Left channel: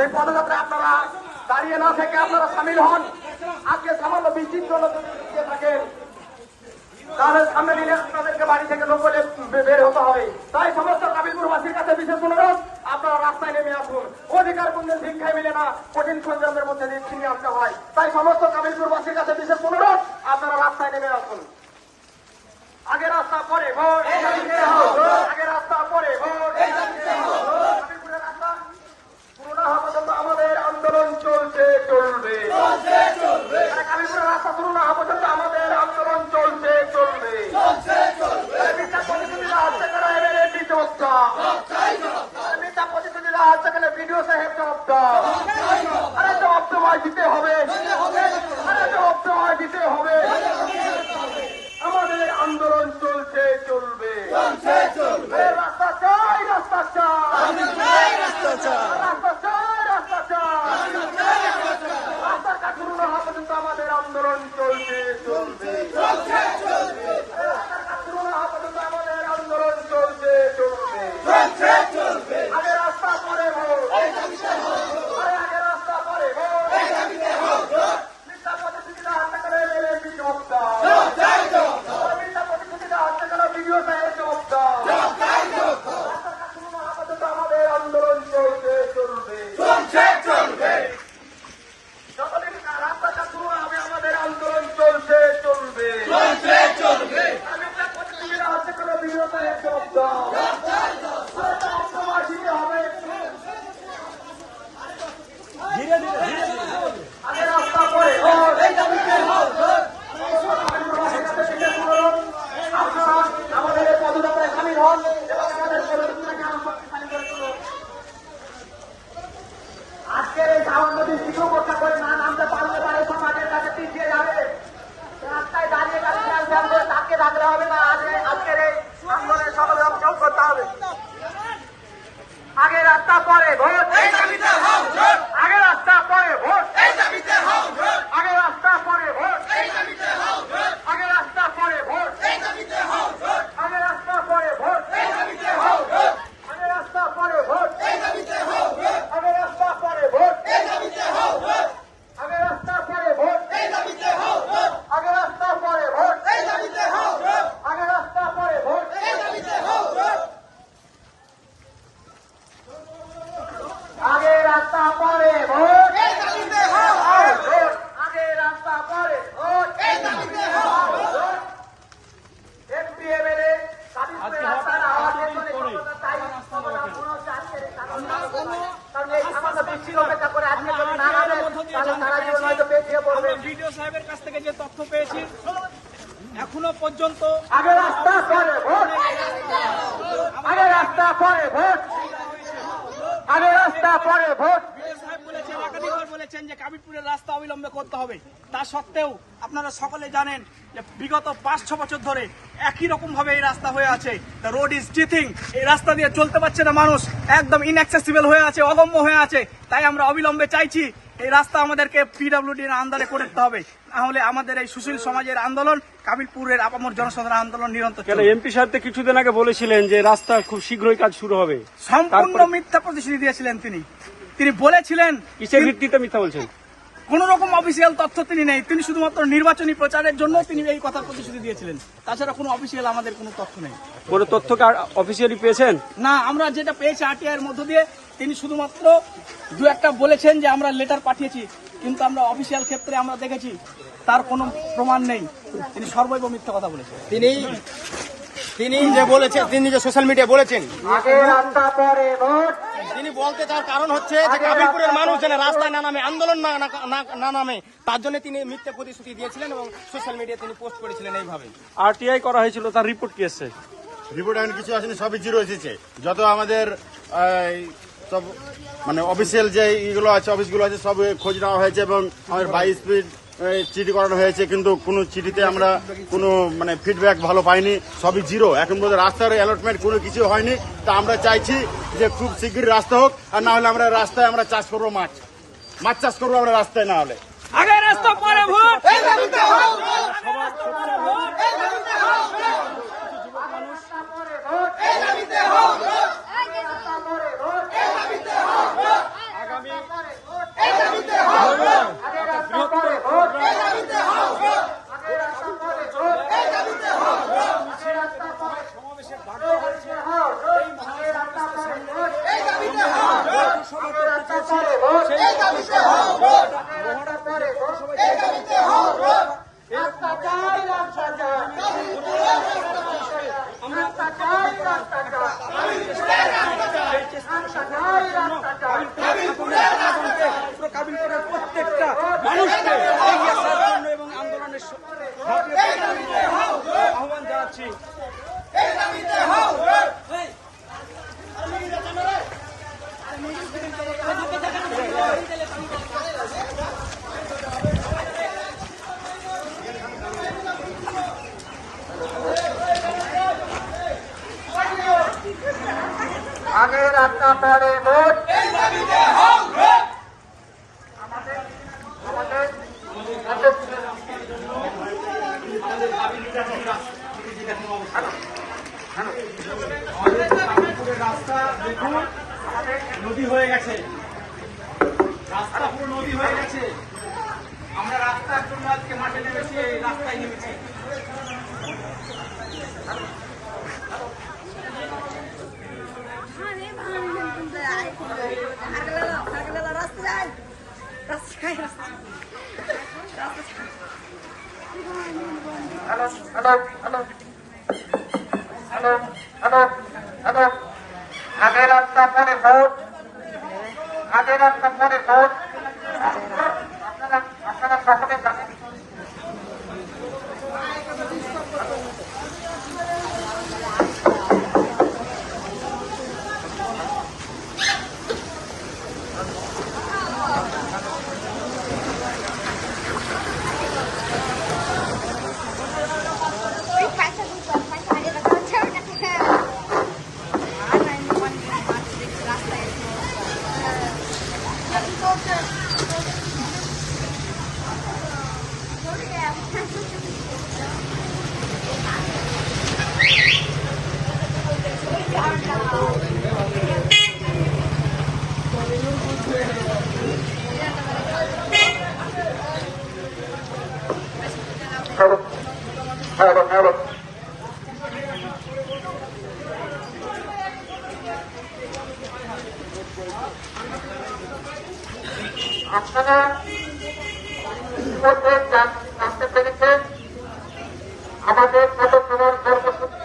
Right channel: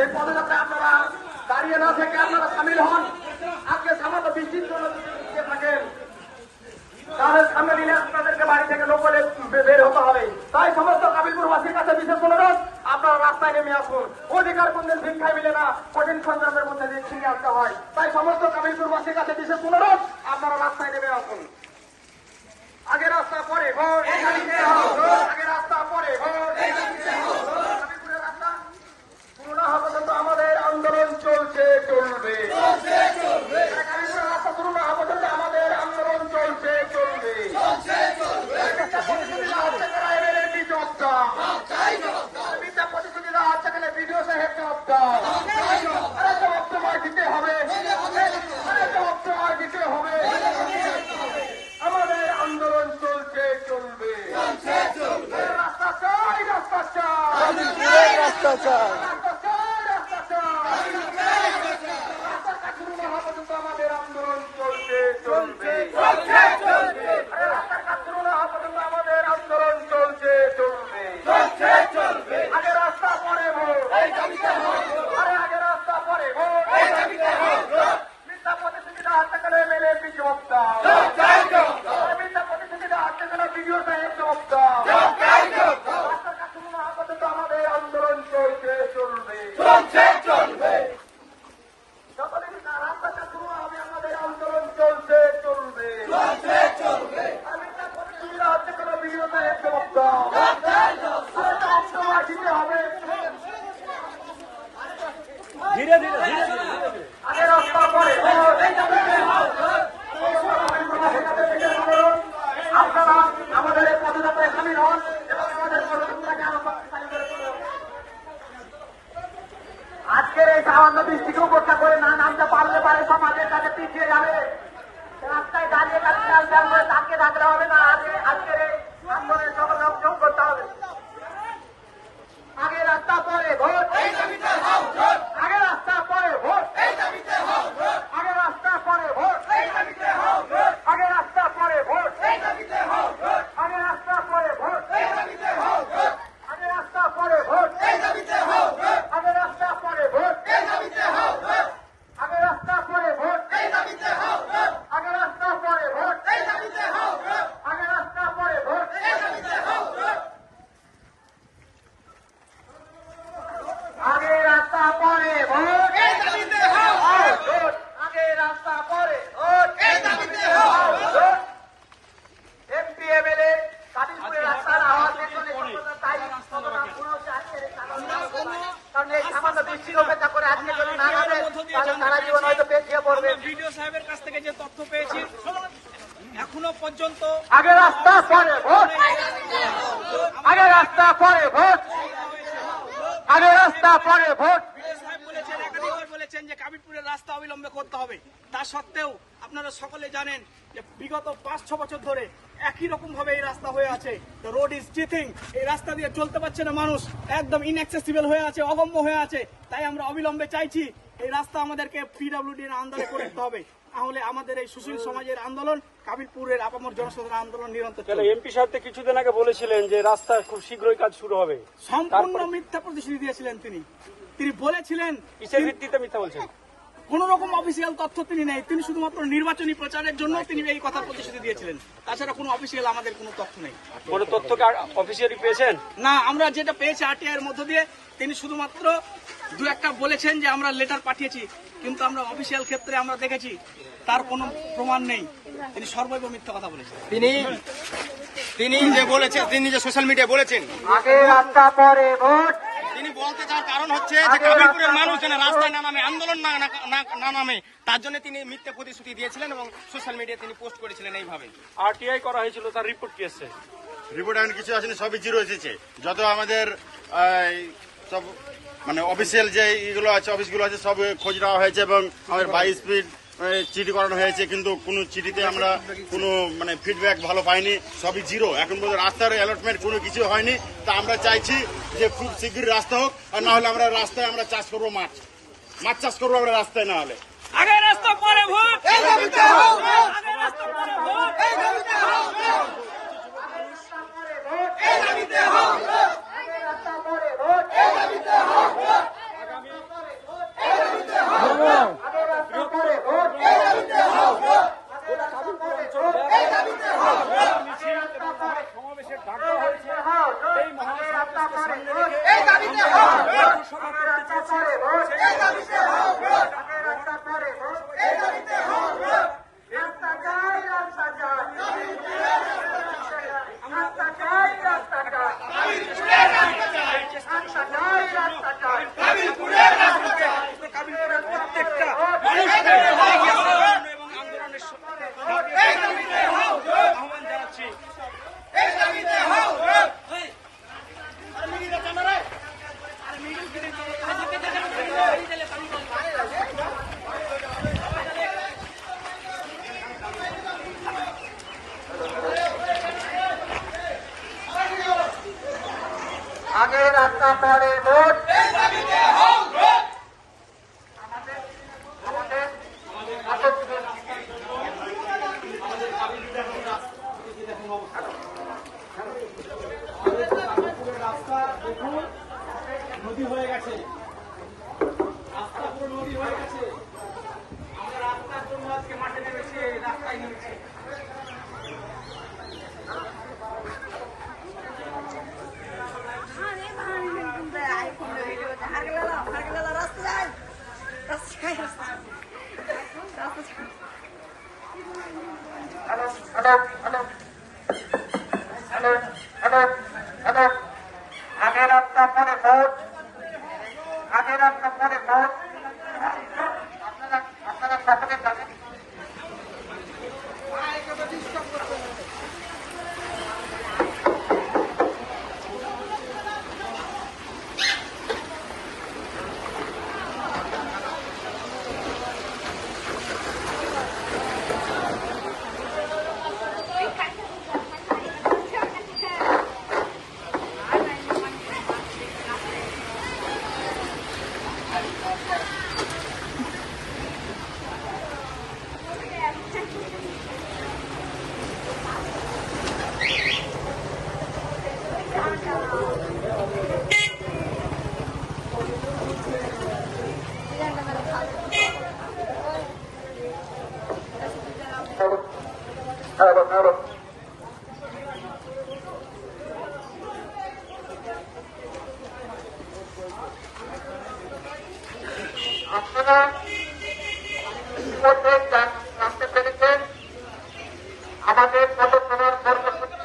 এই পদযাত্রায় আপনারা দাঁড়িয়ে না থেকে আপনারা সামিল হন। আজকে সামান্য বৃষ্টির জন্য থাকেন। তাহলে সামনে দিনে আপনাদেরকে বাড়ি থেকে লোক বের হতে হবে। তাই সমস্ত কাবিলপুরবাসীর কাছে বিশেষ অনুরোধ আপনারা রাস্তায় নেমে আসুন। অধিকার কোনদিন ভিক্ষায় মিলে না কঠিন সংগ্রামের মধ্যে দিয়ে ছিনিয়ে আসতে হয়। তাই সমস্ত কাবিলপুরবাসীর কাছে বিশেষ অনুরোধ আপনারা রাস্তায় নেমে আসুন। আগে রাস্তা পরে ভোট। আগে রাস্তা পরে ভোট। কাবিলপুরের রাস্তা পুরো না আমাদের আন্দোলন চলছে চলবে। কাবিলপুরের রাস্তা শুরু না আমাদের আন্দোলন চলছে চলবে। মিথ্যা প্রতিশ্রুতিরা হচ্ছে কেন এমএলএ বিচক্ষা মিথ্যা প্রতিশ্রুতিরা হচ্ছে কেন বিডিও সাহেব জবাবটা আরে জবাব তোমায় দিতে হবে। আরে জবাব বিডিও সাহেব আন্দোলন চলবে। চলবে। চলবে যতদিন খারাপ আমাদের আন্দোলন চলছে চলবে চলবে আমি কোনো বিডিও সাহেব পারে ভয় ভিডিও সাহেবের কাছ থেকে যে তথ্য পেয়েছি এখনও পর্যন্ত আগে রাস্তা পরে ভোট। আগে রাস্তা পরে ভোট। আগে রাস্তা পরে ভোট। বলেছেন যে কাবিরপুরের রাস্তা অবিলম্বে করতে হবে। তা সত্ত্বেও আপনারা সকলে জানেন যে বিগত পাঁচ ছ বছর ধরে একই রকম ভাবে এই রাস্তা হয়ে আছে। দ্য রোড ইজ চিথিং এই রাস্তা দিয়ে চলতে পারছে না মানুষ। একদম ইনঅ্যাক্সেসিবল হয়ে আছে অগম্য হয়ে আছে। তাই আমরা অবিলম্বে চাইছি এই রাস্তা আমাদেরকে পিডাব্লিউডির আন্দারে করে দিতে হবে। তাহলে আমাদের এই সুশীল সমাজের আন্দোলন কাবিলপুরের আপামর জনসাধারণ আন্দোলন নিরন্তর চলে চলবে। এমপি সাহেব কিছুদিন আগে বলেছিলেন যে রাস্তা খুব শীঘ্রই কাজ শুরু হবে। সম্পূর্ণ মিথ্যা প্রতিশ্রুতি দিয়েছিলেন তিনি। তিনি বলেছিলেন কিসের ভিত্তিতে মিথ্যা বলছেন? কোন রকম অফিসিয়াল তথ্য তিনি নেই। তিনি শুধুমাত্র নির্বাচনী প্রচারের জন্য তিনি এই কথা প্রতিশ্রুতি দিয়েছিলেন। তাছাড়া কোনো অফিসিয়াল আমাদের কোনো তথ্য নেই। কোনো তথ্য অফিসিয়ালি পেয়েছেন? না আমরা যেটা পেয়েছি আরটিআই এর মধ্য দিয়ে তিনি শুধুমাত্র দু একটা বলেছেন যে আমরা লেটার পাঠিয়েছি কিন্তু আমরা অফিসিয়াল ক্ষেত্রে আমরা দেখেছি তার কোনো প্রমাণ নেই। তিনি সর্বৈব মিথ্যা কথা বলেছেন। তিনি তিনি যে বলেছেন তিনি যে সোশ্যাল মিডিয়া বলেছেন আগে রাস্তা পরে ভোট। তিনি বলতে তার কারণ হচ্ছে যে কাবিলপুরের মানুষ যেন রাস্তায় না নামে আন্দোলন না না- না- না নামে তার জন্য তিনি মিথ্যে প্রতিশ্রুতি দিয়েছিলেন এবং সোশ্যাল মিডিয়া তিনি পোস্ট করেছিলেন এইভাবে। আরটিআই করা হয়েছিল তার রিপোর্ট কি এসছে রিপোর্ট এখন কিছু আসেনি সবই জিরো এসেছে। যত আমাদের সব মানে অফিসিয়াল যে ইগুলো আছে অফিসগুলো আছে সব খোঁজ নেওয়া হয়েছে এবং আমাদের বাই স্পিড চিঠি করানো হয়েছে কিন্তু কোনো চিঠিতে আমরা কোনো মানে ফিডব্যাক ভালো পাইনি। সবই জিরো এখন পর্যন্ত রাস্তার অ্যালটমেন্ট কোনো কিছু হয়নি। তা আমরা চাইছি যে খুব শীঘ্রই রাস্তা হোক আর না হলে আমরা রাস্তায় আমরা চাষ করব মাছ। মাছ চাষ করব আমরা রাস্তায় না হলে। আগে রাস্তা পরে ভোট। আগে রাস্তা পরে রাস্তা চাই কাবিলপুরের প্রত্যেকটা পরে আমাদের আমাদের কামারপুরের রাস্তা দেখুন নদী হয়ে গেছে রাস্তা পুরো নদী হয়ে গেছে। আমরা রাস্তার জন্য আজকে মাঠে নেমেছি রাস্তায় নেমেছি। আগের রাস্তা পরে Yeah, he goes to... আমাদের প্রশাসনের কর্মসূচি